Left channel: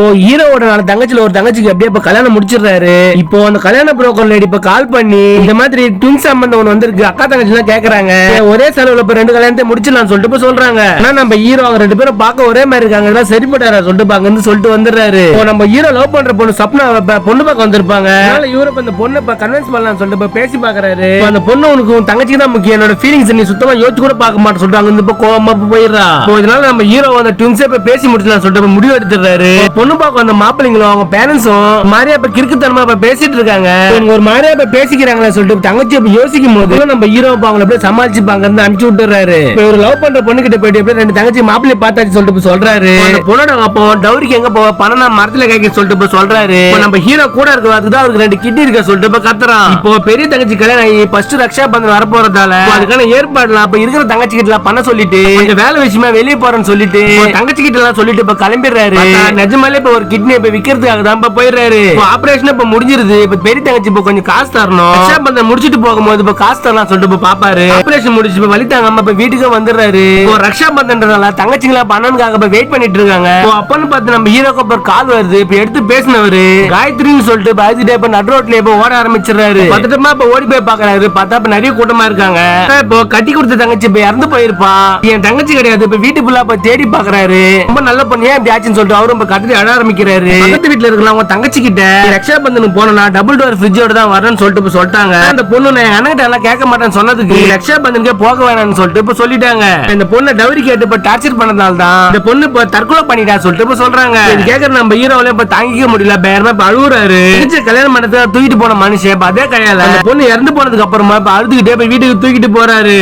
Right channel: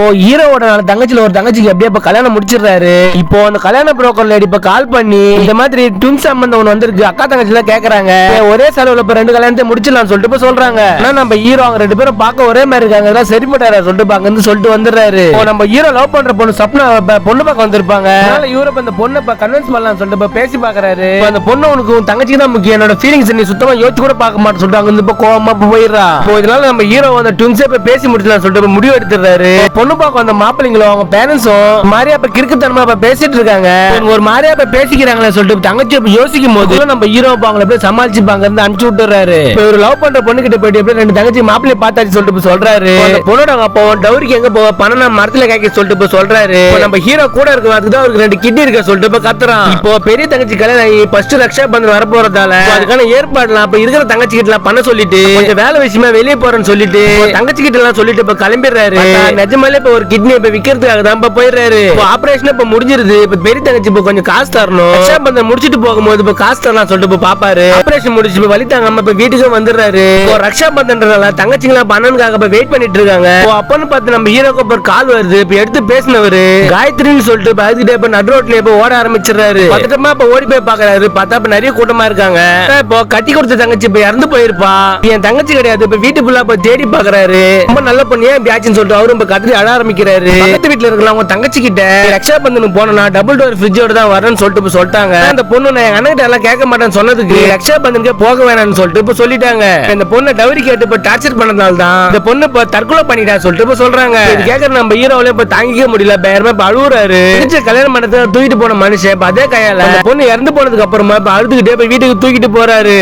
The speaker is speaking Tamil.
இப்போ ஹீரோவோட தங்கச்சில ஒரு தங்கச்சிக்கு அப்படியே இப்ப கல்யாணம் முடிச்சிடுறாரு. இப்போ அந்த கல்யாண புரோக்கர் லேடி இப்ப கால் பண்ணி இந்த மாதிரி ட்வின் சம்பந்தம் ஒன்று வந்திருக்கு, அக்கா தங்கச்சி எல்லாம் கேக்குறாங்க, ஒரே செலவுல இப்ப 2 கல்யாணத்தை முடிச்சிடலாம் சொல்லிட்டு இப்ப சொல்றாங்க. ஆனா நம்ம ஹீரோ அவங்க 2 பேரும் பார்க்க ஒரே மாதிரி இருக்காங்க, அதெல்லாம் சரிப்படாரா சொல்லிட்டு அங்க இருந்து சொல்லிட்டு வந்துடுறாரு. இப்போ நம்ம ஹீரோ லவ் பண்ற பொண்ணு சப்னா பொண்ணு பார்க்க வந்திருப்பாங்க. அதனால இவரு அந்த பொண்ணை கன்வின்ஸ் பண்ணலாம் சொல்லிட்டு பேசி பாக்குறாரு. அந்த பொண்ணு உனக்கு தங்கச்சி தான் முக்கியம், என்னோட ஃபீலிங்ஸ் நீ சுத்தமா யோசிச்சு கூட பார்க்க மாட்டேன்னு சொல்லிட்டு அங்க இருந்து கோவமா போயிடுறா. இதனால நம்ம ஹீரோ அந்த ட்வின்ஸே இப்ப பேசி முடிச்சலாம் சொல்லிட்டு முடிவு எடுத்துறாரு. பொண்ணு பார்க்க அந்த மாப்பிள்ளைங்களும் அவங்க பேரண்ட்ஸும் மாரியா இப்ப கிறுக்குத்தனமா இப்ப பேசிட்டு இருக்காங்க. ஒரு மாரியா இப்ப பேசிக்கிறாங்களே சொல்லிட்டு தங்கச்சி இப்ப யோசிக்கும் போது நம்ம ஹீரோ அவங்களை அப்படியே சமாளிச்சுப்பாங்க இருந்து அனுப்பிச்சு விட்டுறாரு. ஒரு லவ் பண்ற பொண்ணு கிட்ட போயிட்டு எப்படி 2 தங்கச்சி மாப்பிள்ளைய பார்த்தாச்சு சொல்லிட்டு சொல்றாரு. அந்த பொண்ணோட அப்போ டவுரிக்கு எங்க போவா பணம் மரத்துல காய்க்க சொல்லிட்டு சொல்றாரு. நம்ம ஹீரோ கூட இருக்கிறதுதான் அவருக்கு 2 கிட்னி இருக்க சொல்லிட்டு கத்துறான். இப்போ பெரிய தங்கச்சி கல்யாணம் ஆகி ஃபர்ஸ்ட் ரக்ஷா பந்தன் வர போறதால அதுக்கான ஏற்பாடுலாம் இப்ப இருக்கிற தங்கச்சி கிட்ட எல்லாம் பண்ண சொல்லிட்டு கொஞ்சம் வேலை விஷயமா வெளியே போறேன்னு சொல்லிட்டு தங்கச்சி கிட்ட எல்லாம் சொல்லிட்டு இப்ப கிளம்பிடுறாரு. நிஜமாலே இப்ப ஒரு கிட்னி இப்ப விக்கிறதுக்காக தான் இப்ப போயிடுறாரு. ஆபரேஷன் இப்ப முடிஞ்சிருது. இப்ப பெரிய தங்கச்சி இப்ப கொஞ்சம் காசு தரணும். ரக்ஷா பந்தன் முடிச்சிட்டு போகும்போது இப்ப காசு தரலாம் சொல்லிட்டு பாப்பாரு. ஆபரேஷன் முடிச்சு இப்ப வலி தாங்காம இப்ப வீட்டுக்கு வந்துடுறாரு. ரக்ஷா பந்தன்றதால தங்கச்சிங்களா பண்ணனுக்காக இப்ப வெயிட் பண்ணிட்டு இருக்காங்க. அப்பன்னு பார்த்து நம்ம ஹீரோக்கு இப்ப கால் வருது. இப்ப எடுத்து பேசினவரு காயத்ரின்னு சொல்லிட்டு பாத்துட்டு இப்ப நடு ரோட்ல இப்ப ஓட ஆரம்பிச்சிடுறாரு. பதட்டமா இப்ப ஓடி போய் பாக்குறாரு. பார்த்தா இப்ப நிறைய கூட்டமா இருக்காங்க. இப்போ கட்டி கொடுத்த தங்கச்சி இப்ப இறந்து போயிருப்பா. என் தங்கச்சி கிடையாது. இப்ப வீட்டு ஃபுல்லா இப்ப தேடி பாக்குறாரு. ரொம்ப நல்ல பொண்ணு ஏன் ஆச்சுன்னு சொல்லிட்டு அவரும் இப்ப கத்திரி அழ ஆரம்பிக்கிறாரு. பக்கத்து வீட்டுல இருக்கலாம் அவங்க தங்கச்சி கிட்ட ரக்ஷா பந்தன் போனா டபுள் டோர் ஃப்ரிட்ஜோட தான் வரேன்னு சொல்லிட்டு சொல்லிட்டாங்க. அந்த பொண்ணு நான் அண்ணகிட்ட எல்லாம் கேட்க மாட்டேன்னு சொன்னதுக்கு ரக்ஷா பந்தனுக்கே போக வேணாம்னு சொல்லிட்டு இப்ப சொல்லிட்டாங்க. இந்த பொண்ணை டவுரி கேட்டு இப்ப டார்ச்சர் பண்ணதால தான் இந்த பொண்ணு இப்ப தற்கொலை பண்ணிட்டா சொல்லிட்டு இப்ப சொல்றாங்க. இது கேட்கற நம்ம ஹீரோவில இப்ப தாங்கிக்க முடியல. பேரமா இப்ப அழுவுறாரு. கல்யாணம் பண்ணதை தூக்கிட்டு போன மனுஷன் அதே கையால அந்த பொண்ணு இறந்து போனதுக்கு அப்புறமா இப்ப அழுதுகிட்டே இப்ப வீட்டுக்கு தூக்கிட்டு போறாரு.